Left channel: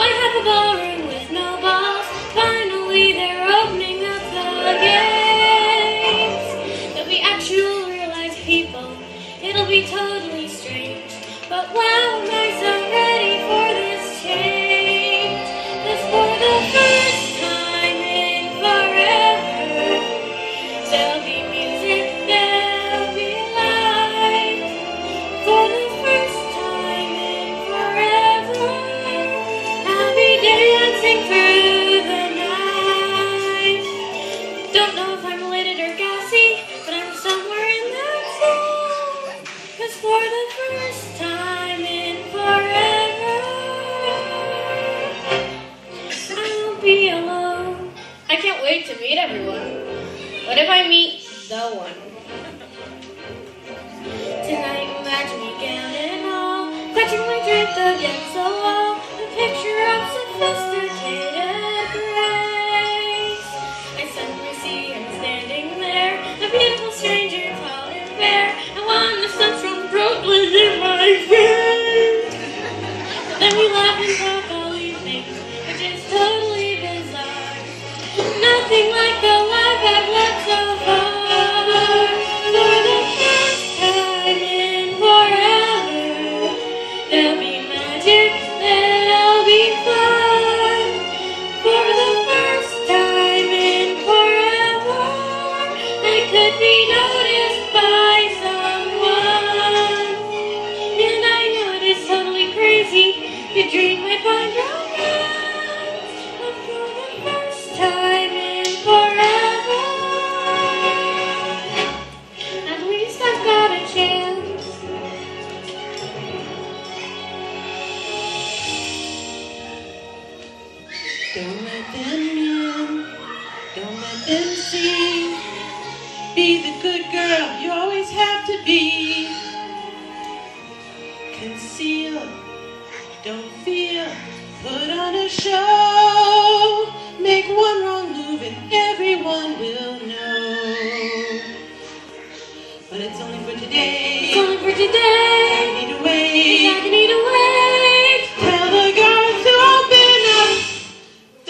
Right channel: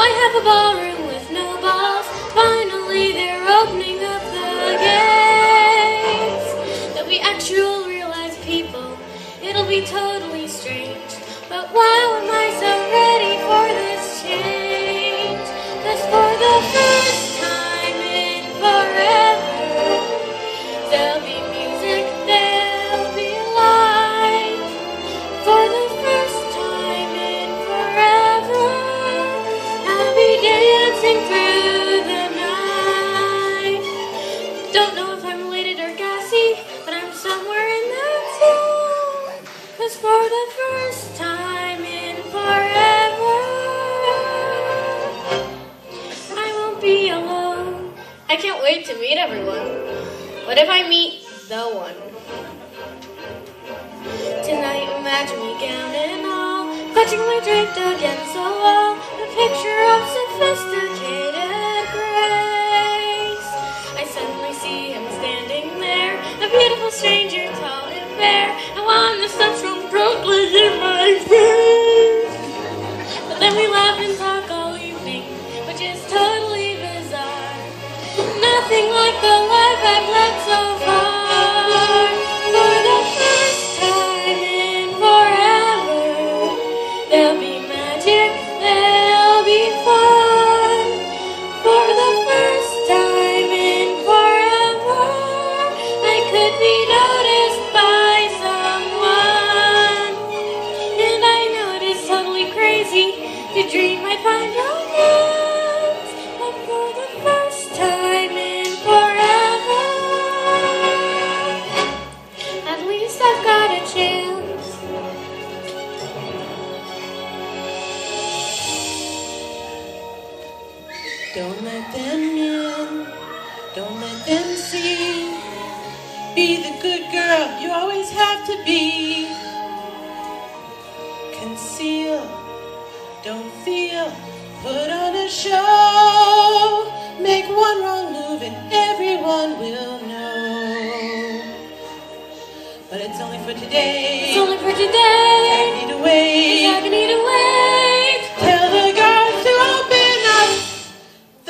Why have a ballroom with no balls? Finally they're opening up the gates. There'll be actual real-life people. It'll be totally strange. But wow, am I so ready for this change. 'Cause for the first time in forever, there'll be music, there'll be light. For the first time in forever, I'll be dancing through the night. Don't know if I'm elated or gassy, but I'm somewhere in that zone. 'Cause for the first time in forever, I won't be alone. I can't wait to meet everyone. What if I meet the one? Tonight, imagine me gown and all, clutchingly draped against the wall, a picture of sophisticated grace. I suddenly see him standing there, a beautiful stranger, tall and fair. I want the sunshine brightly in my face. But then we laugh and talk all evening, which is totally bizarre. Nothing like the life I've led so far. For the first time in forever, there'll be magic, there'll be fun. For the first time in forever, I could be noticed by someone. And I know it is totally crazy to dream I find romance. But for the first time in forever, at least I've got a chance. Don't let them in, don't let them see. Be the good girl you always have to be. Conceal, don't feel, put on a show. Make one wrong move and everyone will know. But it's only for today. It's only for today. I need to wait. I need to wait. Tell the girls to open up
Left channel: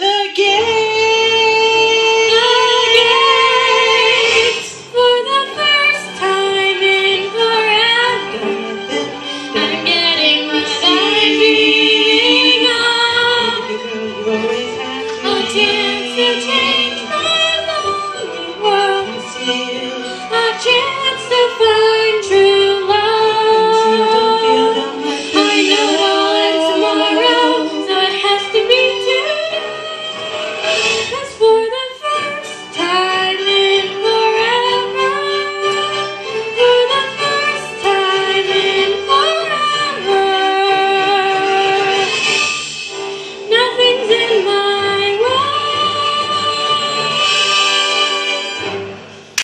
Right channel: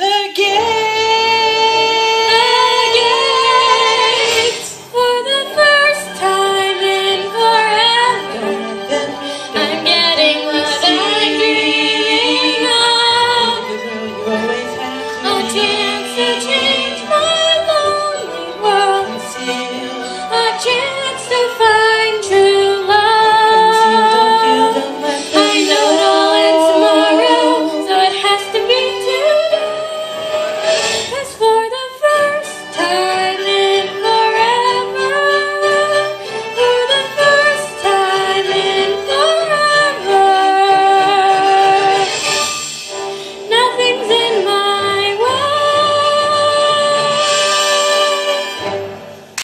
the gates. For the first time in forever, Don't let them in. I'm getting what I'm dreaming of. Be the girl you always have to A be. chance to change my lonely world. Conceal. A chance to find